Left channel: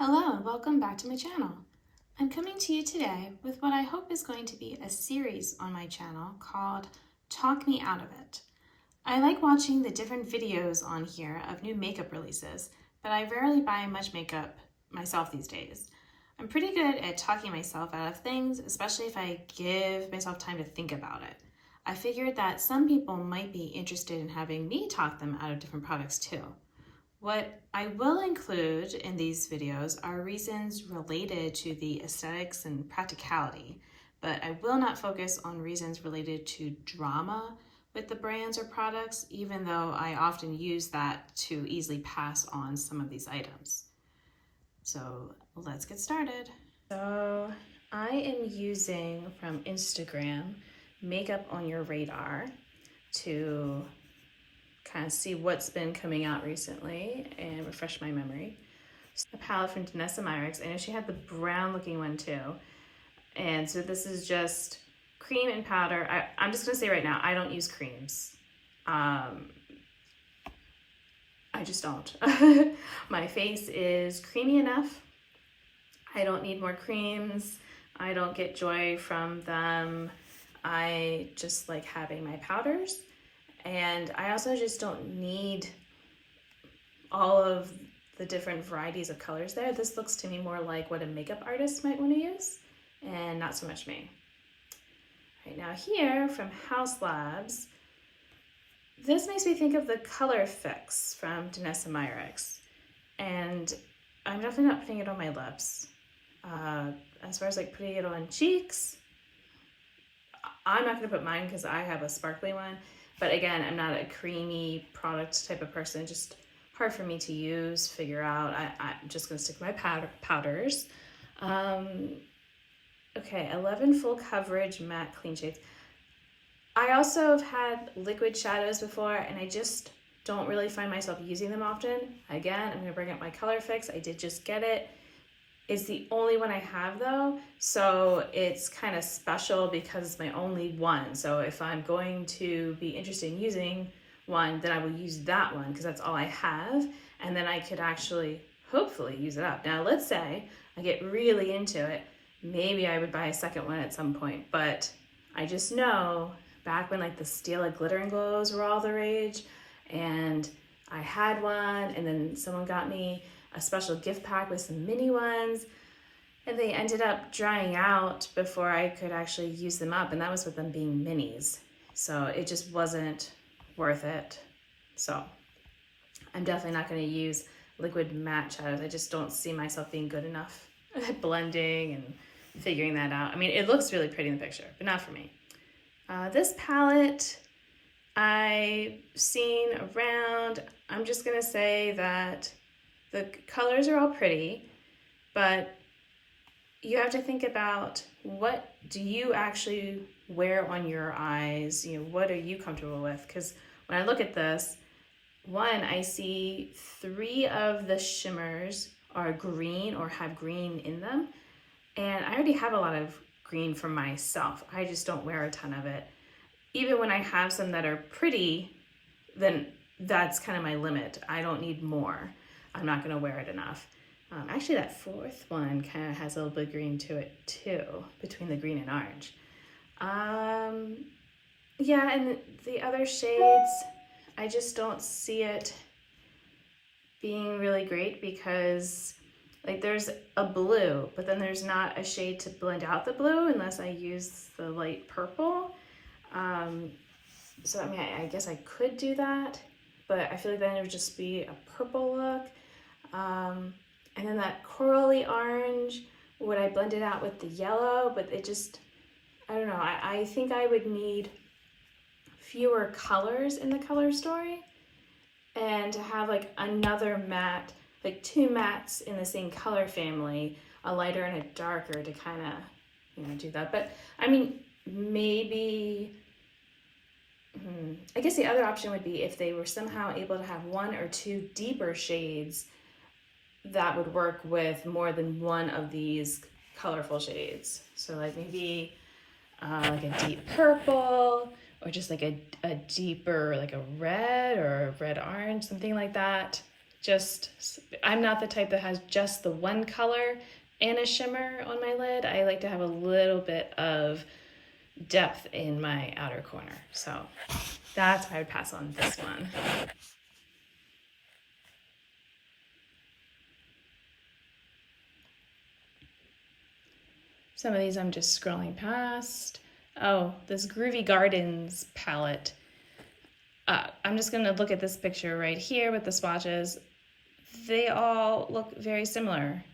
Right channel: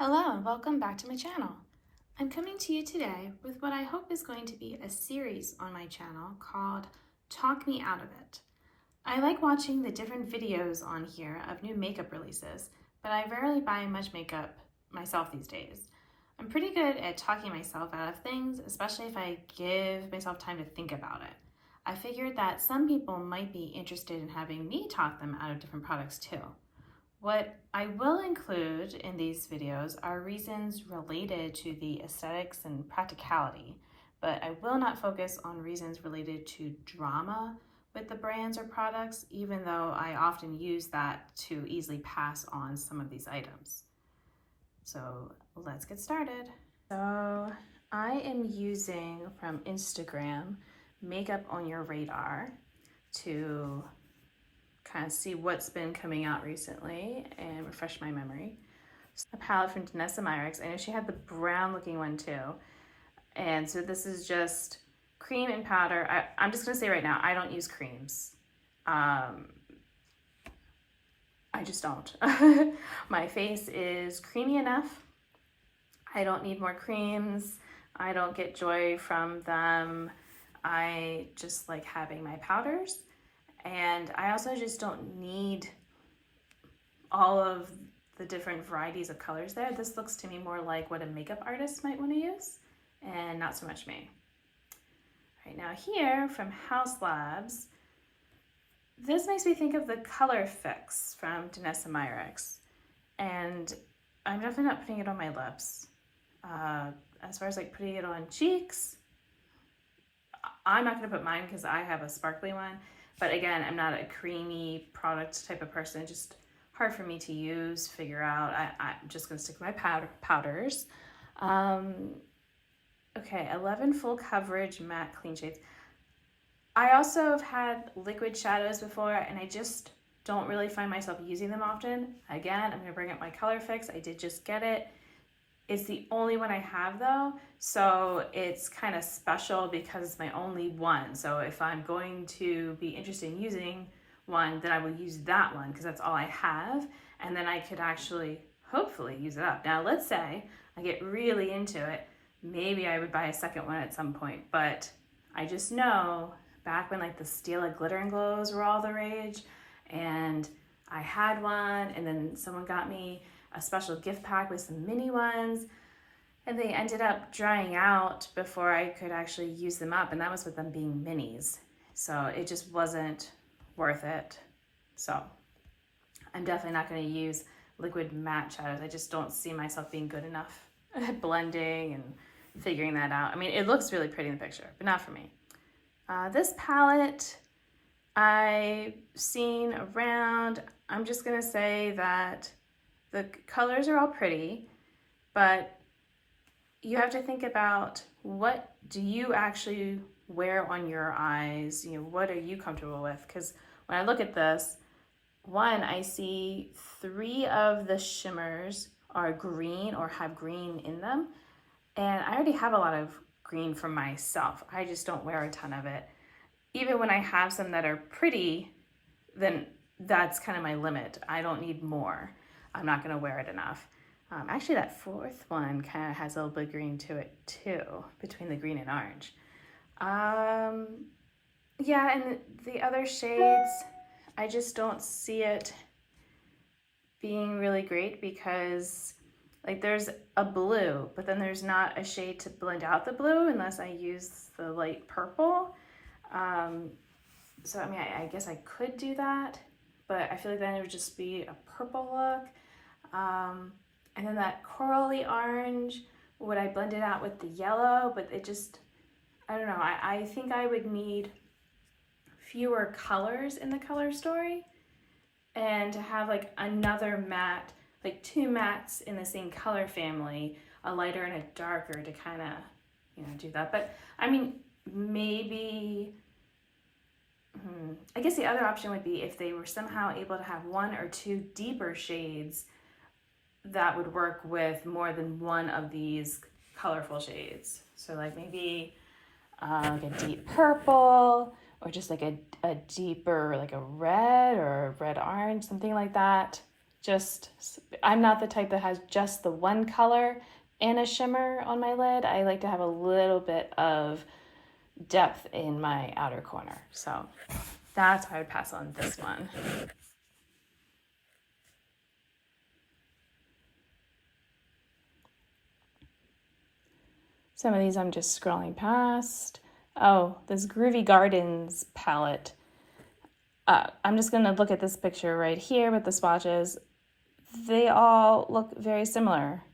Hello and welcome back to my channel. I'm coming to you today with what I hope is going to be a series on my channel called Talk Me Out of It. I like watching the different videos on here of new makeup releases, but I rarely buy much makeup myself these days. I'm pretty good at talking myself out of things, especially if I give myself time to think about it. I figured that some people might be interested in having me talk them out of different products too. What I will include in these videos are reasons related to the aesthetics and practicality, but I will not focus on reasons related to drama with the brands or products, even though I often use that to easily pass on some of these items. So let's get started. So I am using from Instagram Makeup on Your Radar to kind of see what's been coming out recently and refresh my memory. A palette from Danessa Myricks. I know she had the brown looking one too. And so this is just cream and powder. I'm just gonna say right now, I don't use creams. I just don't. My face is creamy enough. I don't need more creams. I don't get joy from them. I just like having my powders. And I also just don't need all of the different varieties of colors there. This looks to me more like what a makeup artist might want to use, and not so much me. Right now here from Haus Labs, this makes me think of the Color Fix from Danessa Myricks. And I'm definitely not putting it on my lips. As far as like putting it on cheeks, I'm not gonna put mine because I have a sparkly one. But again, I'm not a creamy product type of person, just hard for me to use, figure out. I'm just gonna stick to my powders. Okay, 11 full coverage matte clean shades. I also have had liquid shadows before and I just don't really find myself using them often. Again, I'm gonna bring up my Color Fix. I did just get it. It's the only one I have though, so it's kind of special because it's my only one. So if I'm going to be interested in using one, then I will use that one because that's all I have, and then I could actually hopefully use it up. Now let's say I get really into it, maybe I would buy a second one at some point, but I just know back when like the Stila Glitter and Glows were all the rage, and I had one, and then someone got me a special gift pack with some mini ones, and they ended up drying out before I could actually use them up, and that was with them being minis. So it just wasn't worth it. So I'm definitely not going to use liquid matte shadows. I just don't see myself being good enough at blending and figuring that out. I mean, it looks really pretty in the picture, but not for me. This palette I've seen around. I'm just going to say that the colors are all pretty, but you have to think about what do you actually wear on your eyes? You know, what are you comfortable with? Because when I look at this, one, I see 3 of the shimmers are green or have green in them. And I already have a lot of green for myself. I just don't wear a ton of it. Even when I have some that are pretty, then that's kind of my limit. I don't need more. I'm not gonna wear it enough. Actually, that 4th one kind of has a little bit of green to it too, between the green and orange. Yeah, and the other shades, I just don't see it being really great because like there's a blue, but then there's not a shade to blend out the blue unless I use the light purple. So I mean, I guess I could do that, but I feel like then it would just be a purple look. And then that corally orange, would I blend it out with the yellow? But it just, I don't know. I think I would need fewer colors in the color story, and to have like another matte, like 2 mattes in the same color family, a lighter and a darker to kind of, you know, do that. But I mean, maybe, I guess the other option would be if they were somehow able to have 1 or 2 deeper shades that would work with more than one of these colorful shades. So like maybe like a deep purple, or just like a deeper, like a red or a red orange, something like that. I'm not the type that has just the one color and a shimmer on my lid. I like to have a little bit of depth in my outer corner. So that's why I would pass on this one. Some of these I'm just scrolling past. Oh, this Groovy Gardens palette. I'm just gonna look at this picture right here with the swatches. They all look very similar.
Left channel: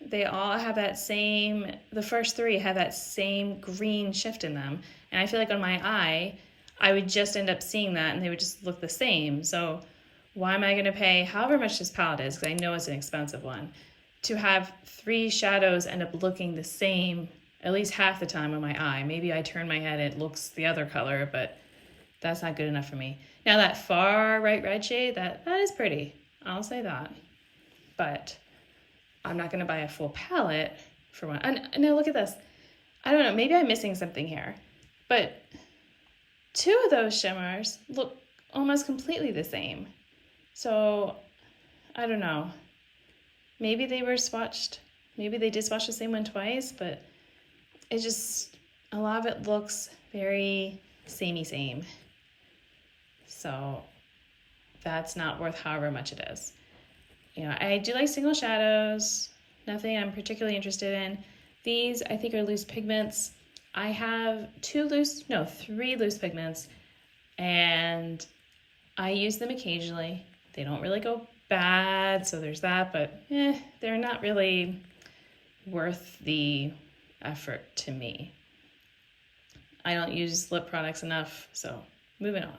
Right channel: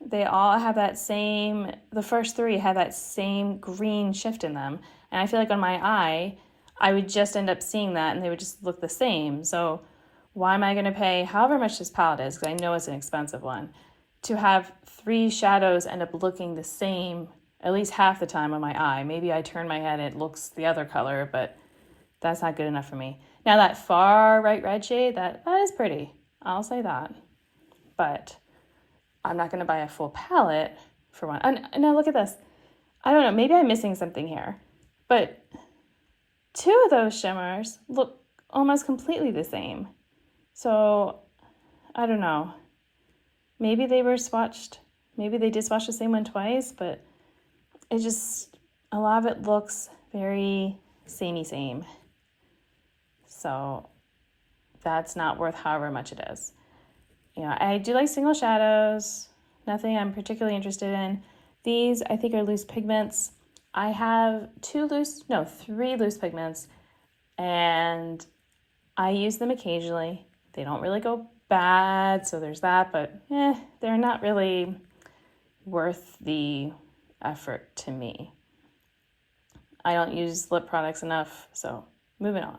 They all have that same, the first three have that same green shift in them. And I feel like on my eye, I would just end up seeing that and they would just look the same. So why am I gonna pay however much this palette is, because I know it's an expensive one, to have 3 shadows end up looking the same at least half the time on my eye. Maybe I turn my head, it looks the other color, but that's not good enough for me. Now that far right red shade, that is pretty. I'll say that. But I'm not gonna buy a full palette for one. And now look at this. I don't know, maybe I'm missing something here, but 2 of those shimmers look almost completely the same. So I don't know. Maybe they were swatched. Maybe they did swatch the same one twice, but it just, a lot of it looks very samey same. So that's not worth however much it is. You know, I do like single shadows, nothing I'm particularly interested in. These I think are loose pigments. I have 3 loose pigments, and I use them occasionally. They don't really go bad, so there's that, but they're not really worth the effort to me. I don't use lip products enough, so moving on.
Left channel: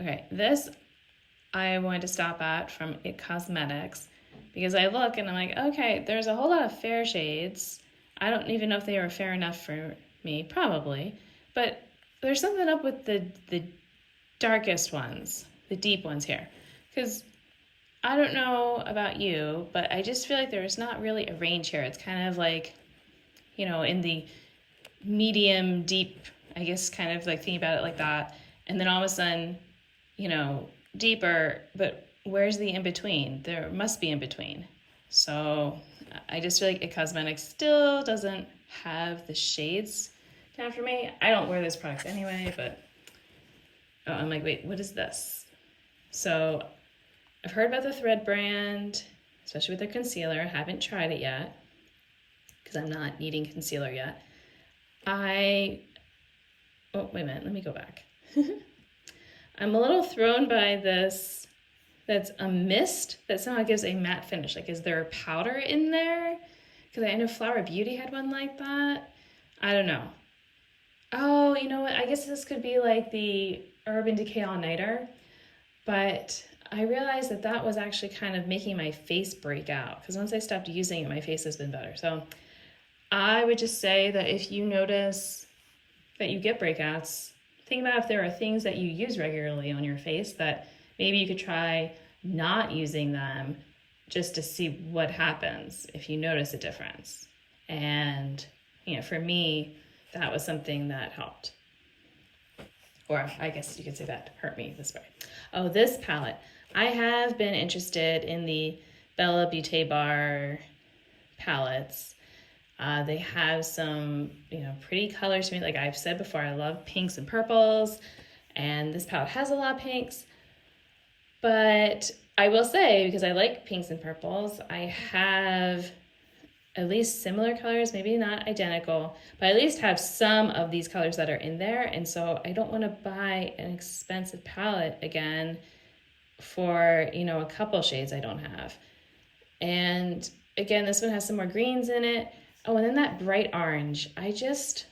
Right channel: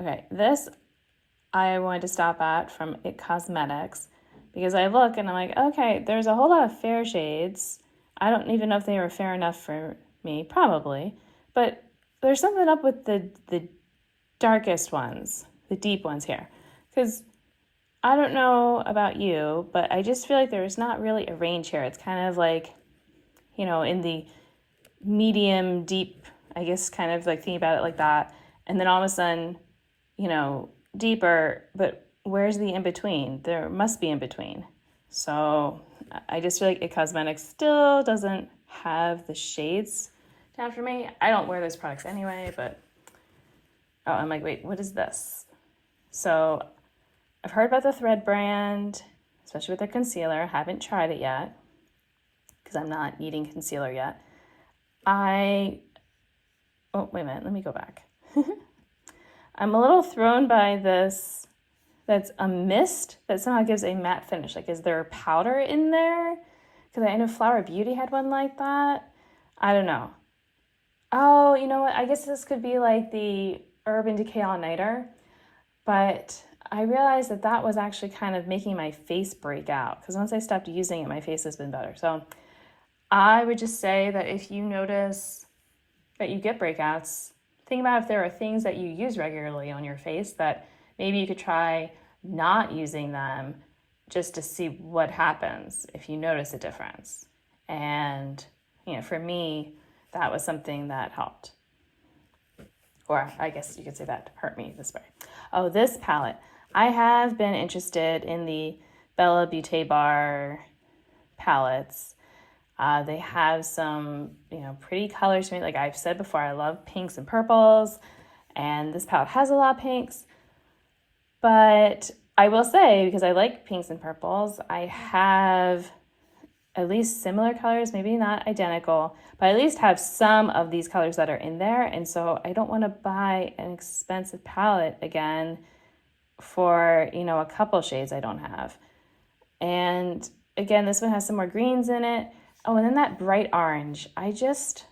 Okay, this I wanted to stop at from IT Cosmetics, because I look and I'm like, okay, there's a whole lot of fair shades. I don't even know if they were fair enough for me, probably, but there's something up with the darkest ones, the deep ones here, because I don't know about you, but I just feel like there's not really a range here. It's kind of like, you know, in the medium deep, I guess, kind of like thinking about it like that, and then all of a sudden, you know, deeper, but where's the in between? There must be in between. So I just feel like IT Cosmetics still doesn't have the shades down for me. I don't wear this product anyway, but I'm like, wait, what is this? So I've heard about the Thread brand, especially with their concealer. I haven't tried it yet because I'm not needing concealer yet. Oh, wait a minute, let me go back. I'm a little thrown by this, that's a mist that somehow gives a matte finish. Like, is there a powder in there? Because I know Flower Beauty had one like that. I don't know. Oh, you know what? I guess this could be like the Urban Decay All Nighter, but I realized that that was actually kind of making my face break out, because once I stopped using it, my face has been better. So I would just say that if you notice that you get breakouts, think about if there are things that you use regularly on your face that maybe you could try not using them just to see what happens if you notice a difference. And, you know, for me, that was something that helped. Or I guess you could say that hurt me this way. Oh, this palette. I have been interested in the Bella Beauté Bar palettes. They have some, you know, pretty colors to me. Like I've said before, I love pinks and purples, and this palette has a lot of pinks. But I will say, because I like pinks and purples, I have at least similar colors, maybe not identical, but I at least have some of these colors that are in there. And so I don't want to buy an expensive palette again for, you know, a couple shades I don't have. And again, this one has some more greens in it. Oh, and then that bright orange. I just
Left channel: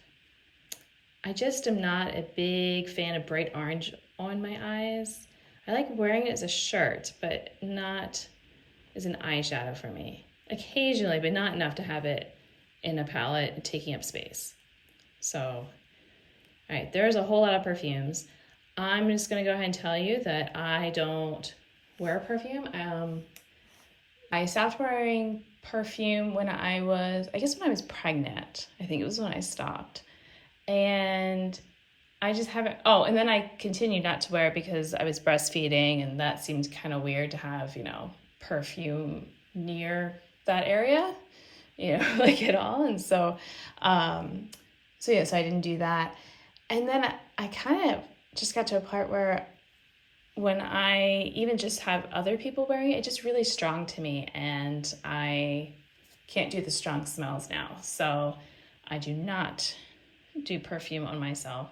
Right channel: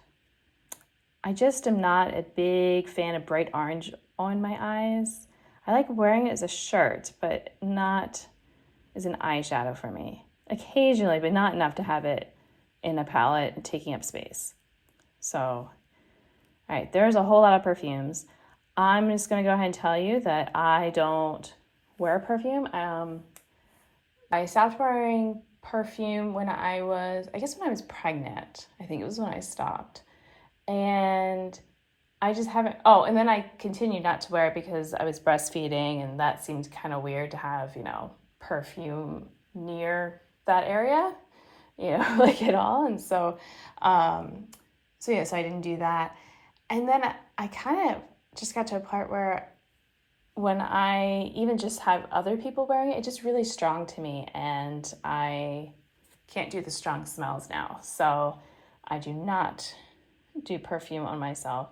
am not a big fan of bright orange on my eyes. I like wearing it as a shirt, but not as an eyeshadow for me. Occasionally, but not enough to have it in a palette and taking up space. So, all right, there's a whole lot of perfumes. I'm just gonna go ahead and tell you that I don't wear perfume. I stopped wearing perfume when I was pregnant. I think it was when I stopped. And I just haven't, oh, and then I continued not to wear it because I was breastfeeding, and that seemed kind of weird to have, perfume near that area, like at all. And so, so I didn't do that. And then I kind of just got to a part where when I even just have other people wearing it, it's just really strong to me, and I can't do the strong smells now. So I do not do perfume on myself.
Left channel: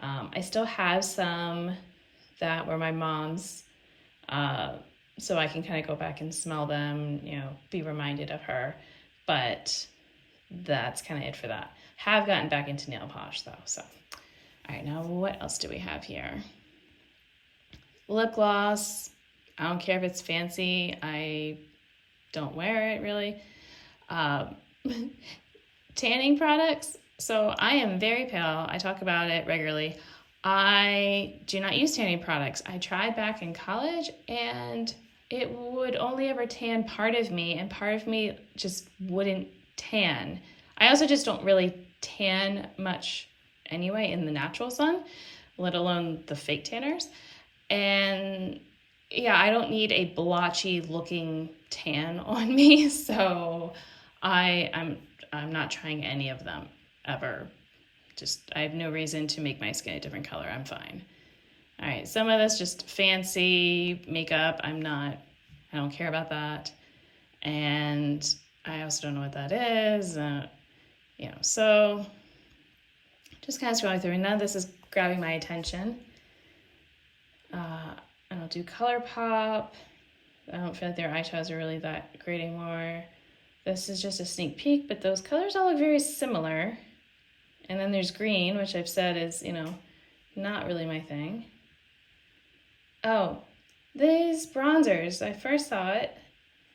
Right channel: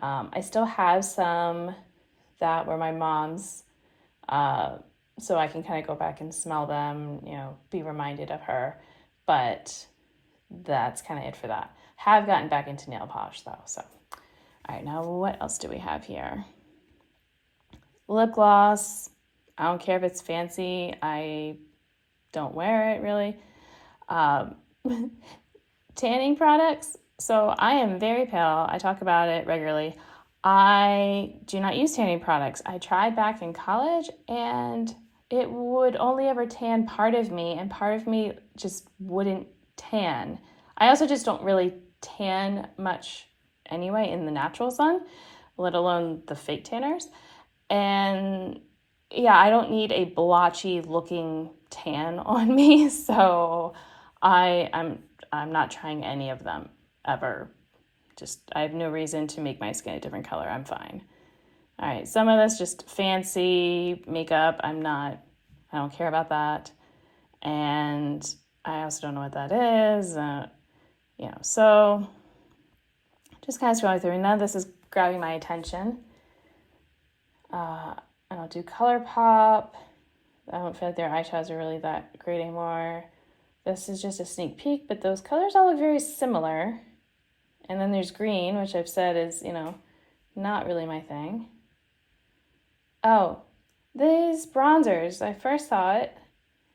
I still have some that were my mom's, so I can kind of go back and smell them, be reminded of her. But that's kind of it for that. Have gotten back into nail polish though. So, all right, now what else do we have here? Lip gloss. I don't care if it's fancy. I don't wear it really. Tanning products. So I am very pale. I talk about it regularly. I do not use tanning products. I tried back in college, and it would only ever tan part of me, and part of me just wouldn't tan. I also just don't really tan much anyway in the natural sun, let alone the fake tanners. And yeah, I don't need a blotchy looking tan on me, so I'm not trying any of them ever. Just, I have no reason to make my skin a different color. I'm fine. All right, some of this just fancy makeup. I don't care about that. And I also don't know what that is. So just kind of scrolling through. None of this is grabbing my attention. I don't do ColourPop. I don't feel like their eyeshadows are really that great anymore. This is just a sneak peek, but those colors all look very similar. And then there's green, which I've said is, not really my thing. Oh, these bronzers. I first saw it,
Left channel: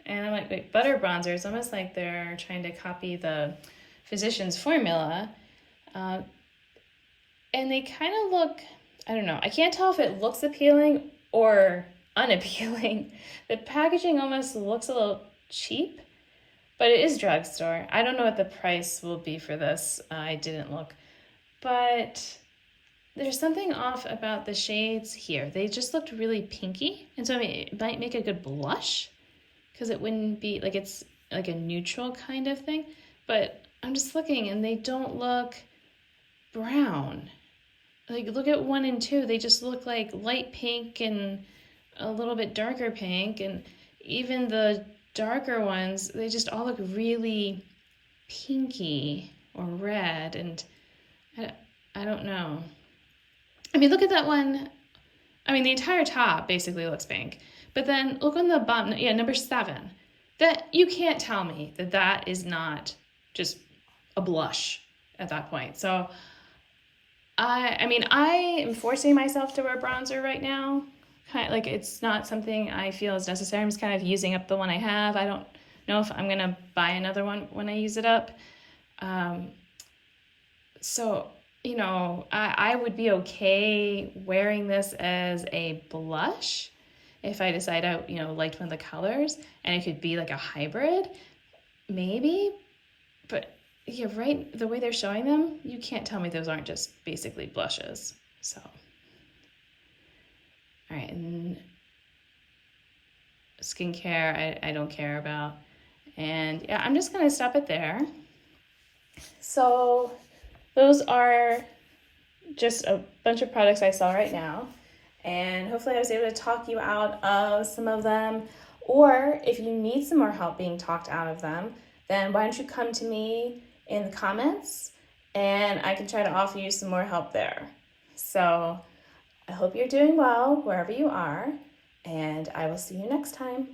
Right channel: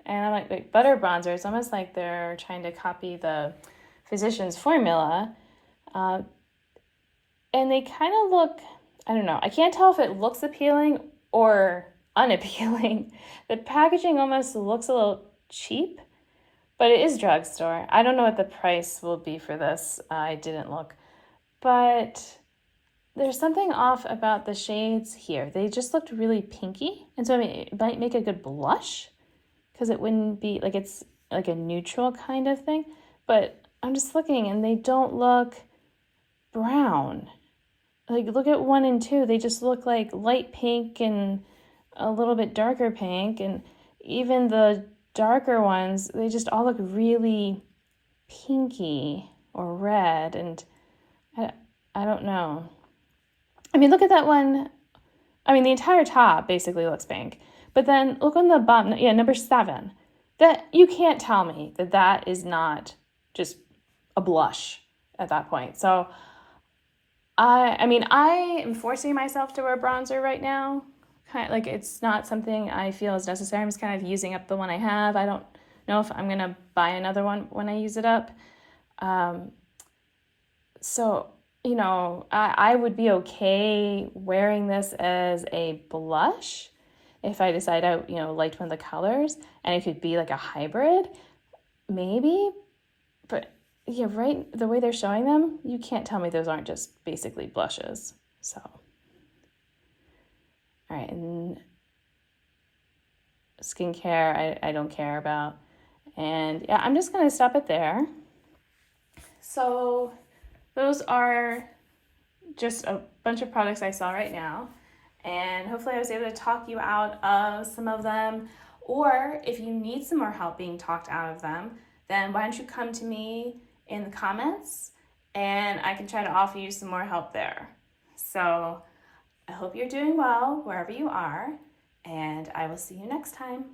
and I'm like, wait, butter bronzer. It's almost like they're trying to copy the Physicians Formula. And they kind of look, I don't know. I can't tell if it looks appealing or unappealing. The packaging almost looks a little cheap, but it is drugstore. I don't know what the price will be for this. I didn't look. But there's something off about the shades here. They just looked really pinky. And so it might make a good blush because it wouldn't be like it's like a neutral kind of thing. But I'm just looking and they don't look brown. Like look at 1 and 2. They just look like light pink and a little bit darker pink. And even the darker ones, they just all look really pinky or red, and I don't know. I mean, look at that one. I mean, the entire top basically looks pink, but then look on the bottom, number 7. That you can't tell me that is not just a blush at that point. So I am forcing myself to wear bronzer right now. Kind of like it's not something I feel is necessary. I'm just kind of using up the one I have. I don't know if I'm gonna buy another one when I use it up. So I would be okay wearing this as a blush if I decide I liked one of the colors, and it could be like a hybrid, maybe. But yeah, right, the way they're showing them, you can't tell me those aren't just basically blushes. So. All right, and skincare, I don't care about. And yeah, I'm just going to stop it there. So those are just a bunch of products I saw right now. And hopefully I was able to talk you out of some of them. Or if you need some more help being talked out of them, then why don't you come to me in the comments and I can try to offer you some more help there. So I hope you're doing well wherever you are, and I will see you next time.